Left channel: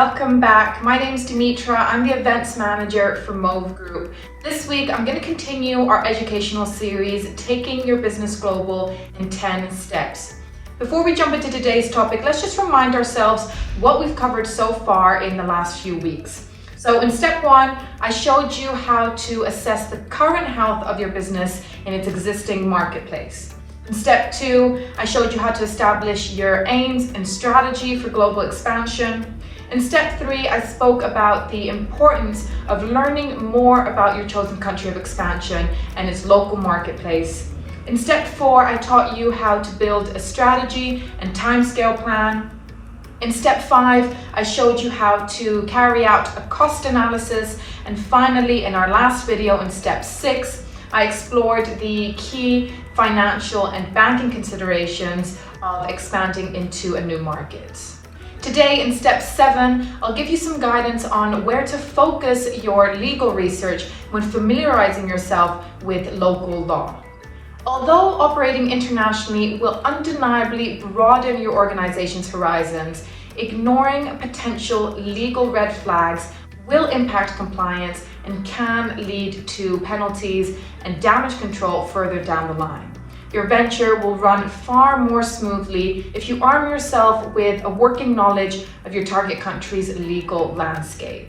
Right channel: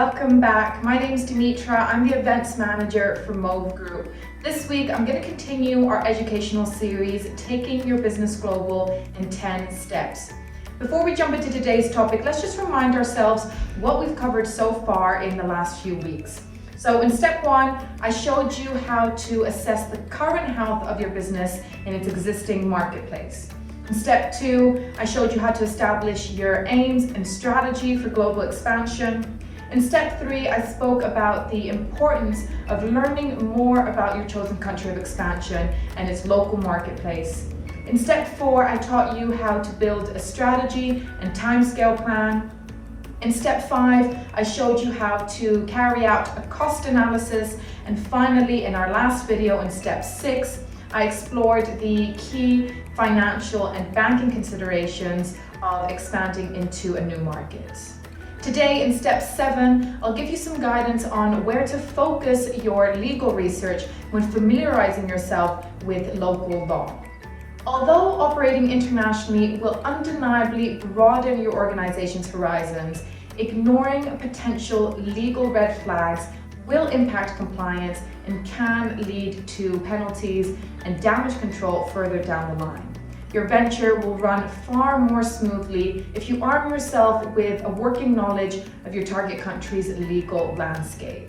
welcome back. My name is Dimitra. I'm the events manager for Move Group. This week I'm going to continue our educational series, Taking Your Business Global in 10 Steps. Before we jump into today's topic, let's just remind ourselves what we've covered so far in the last few weeks. So in step 1, I showed you how to assess the current health of your business in its existing marketplace. In step 2, I showed you how to establish your aims and strategy for global expansion. In step 3, I spoke about the importance of learning more about your chosen country of expansion and its local marketplace. In step 4, I taught you how to build a strategy and timescale plan. In step 5, I showed you how to carry out a cost analysis. And finally, in our last video, in step 6, I explored the key financial and banking considerations of expanding into a new market. Today, in step 7, I'll give you some guidance on where to focus your legal research when familiarizing yourself with local law. Although operating internationally will undeniably broaden your organization's horizons, ignoring potential legal red flags will impact compliance and can lead to penalties and damage control further down the line. Your venture will run far more smoothly if you arm yourself with a working knowledge of your target country's legal landscape.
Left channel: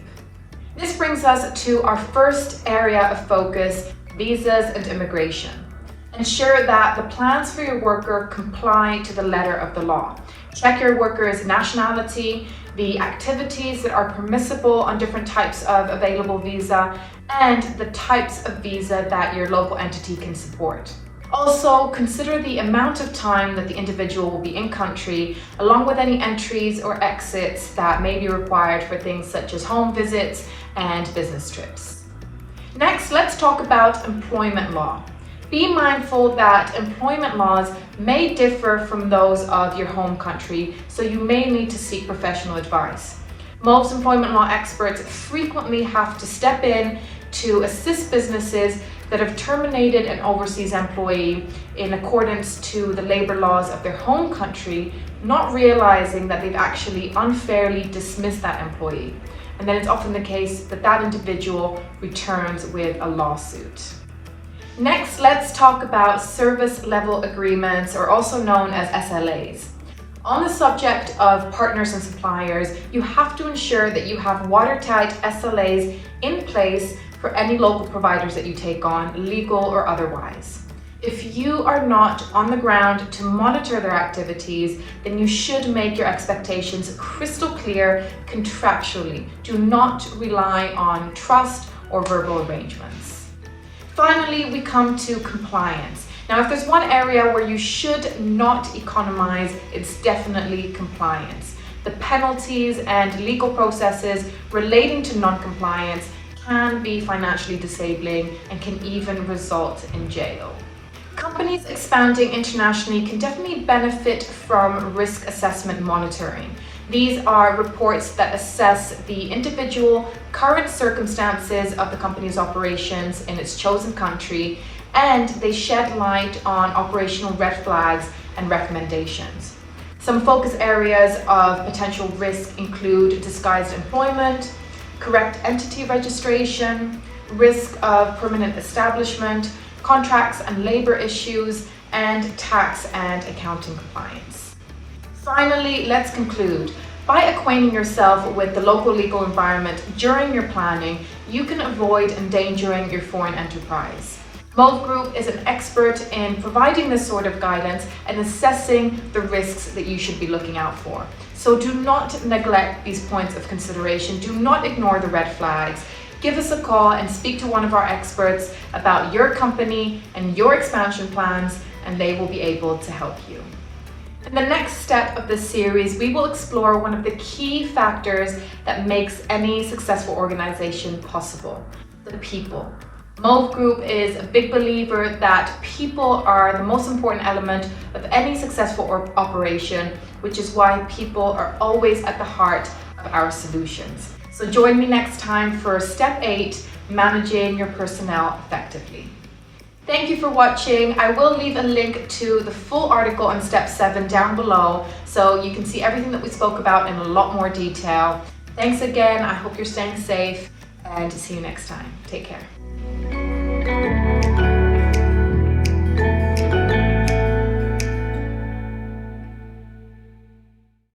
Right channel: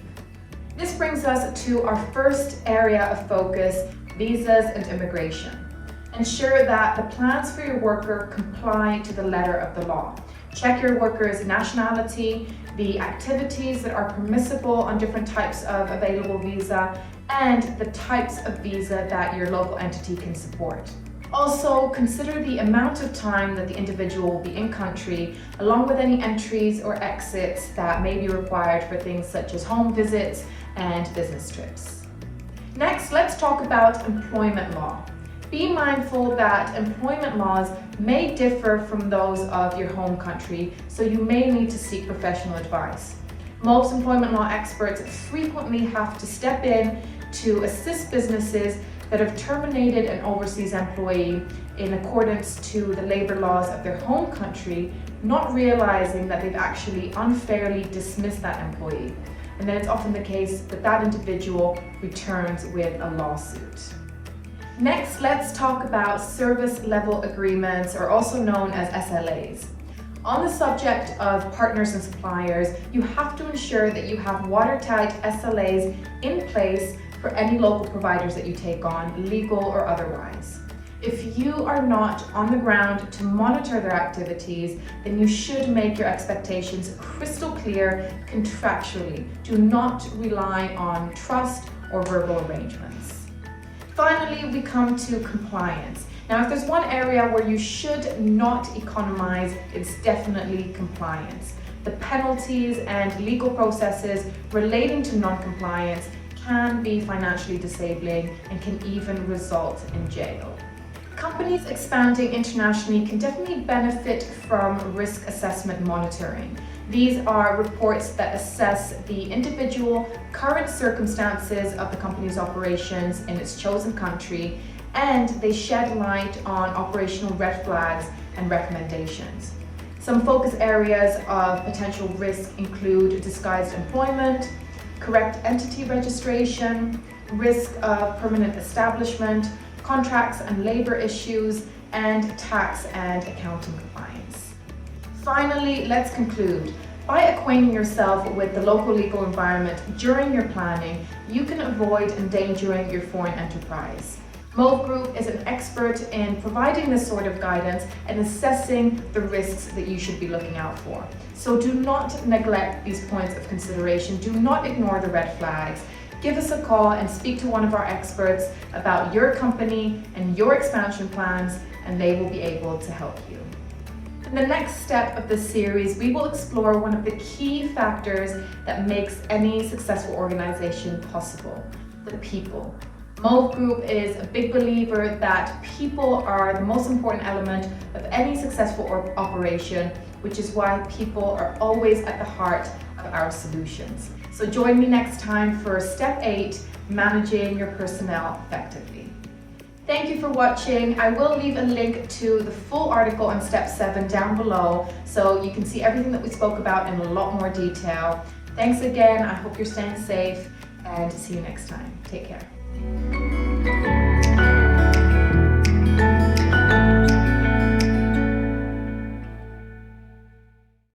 This brings us to our first area of focus, visas and immigration. Ensure that the plans for your worker comply to the letter of the law. Check your worker's nationality, the activities that are permissible on different types of available visa, and the types of visa that your local entity can support. Also, consider the amount of time that the individual will be in country, along with any entries or exits that may be required for things such as home visits and business trips. Next, let's talk about employment law. Be mindful that employment laws may differ from those of your home country, so you may need to seek professional advice. Most employment law experts frequently have to step in to assist businesses that have terminated an overseas employee in accordance to the labor laws of their home country, not realizing that they've actually unfairly dismissed that employee. And then it's often the case that that individual returns with a lawsuit. Next, let's talk about service level agreements, or also known as SLAs. On the subject of partners and suppliers, you have to ensure that you have watertight SLAs in place for any local providers that you take on, legal or otherwise. If you are not on the ground to monitor their activities, then you should make your expectations crystal clear contractually. Do not rely on trust or verbal arrangements. Finally, we come to compliance. Now, if there's one area where you should not economize, it's definitely compliance. The penalties and legal processes relating to non-compliance can be financially disabling and can even result in jail. Companies expanding internationally can definitely benefit from risk assessment monitoring. These are reports that assess the individual current circumstances of the company's operations in its chosen country, and they shed light on operational red flags and recommendations. Some focus areas of potential risk include disguised employment, correct entity registration, risk of permanent establishment, contracts and labor issues, and tax and accounting compliance. Finally, let's conclude. By acquainting yourself with the local legal environment during your planning, you can avoid endangering your foreign enterprise. Move Group is an expert in providing this sort of guidance and assessing the risks that you should be looking out for. So do not neglect these points of consideration. Do not ignore the red flags. Give us a call and speak to one of our experts about your company and your expansion plans, and they will be able to help you. In the next step of this series, we will explore one of the key factors that makes any successful organization possible: the people. Move Group is a big believer that people are the most important element of any successful operation, which is why people are always at the heart of our solutions. So join me next time for step 8, managing your personnel effectively. Thank you for watching. I will leave a link to the full article on step 7 down below, so you can see everything that we spoke about in a lot more detail. Thanks again. I hope you're staying safe and to see you next time. Take care.